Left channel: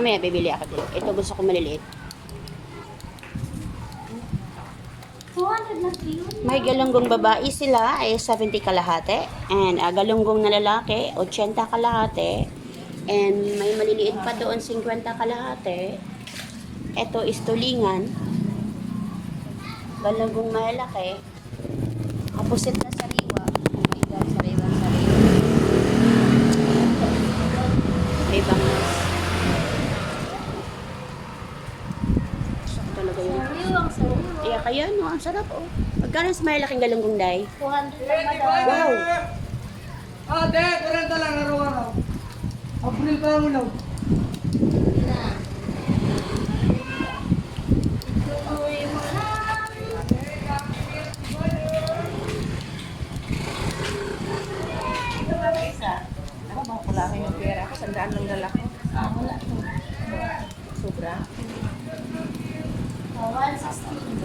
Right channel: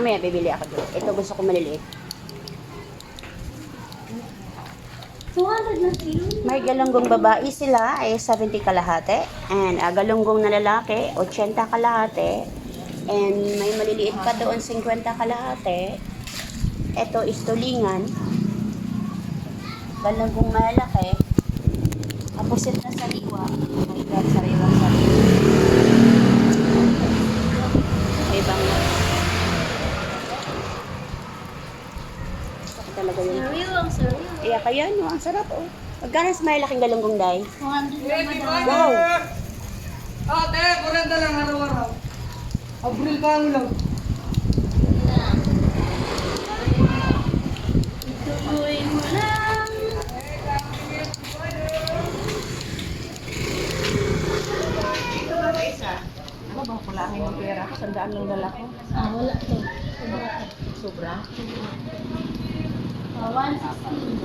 Mamaya bibili ako dito. Ito gusto ko maliliit. 200 na kilo. May galunggong babae sila ay 70 kalahati. And galunggong na lalaki, 80 kalahati. And may maliliit pa doon, 50 kalahati. Ito is tulingan. Galunggong malaki. Kapusit na sariwa. Oh my God, sariwang sariwa. May bangos. Gusto ko talaga yun. Sariwang sariwa. Kaya kaya no, ang sarap oh. Magkano sa malaking galunggong day? 200 na madami. Wow! Ate, 40 lang araw-araw. April pa mo lang. Tuloy mo lang. Isa. Ako baka kulangin yung pera ko. Sandaan lang dala ko. Wala to. Sobra. 160.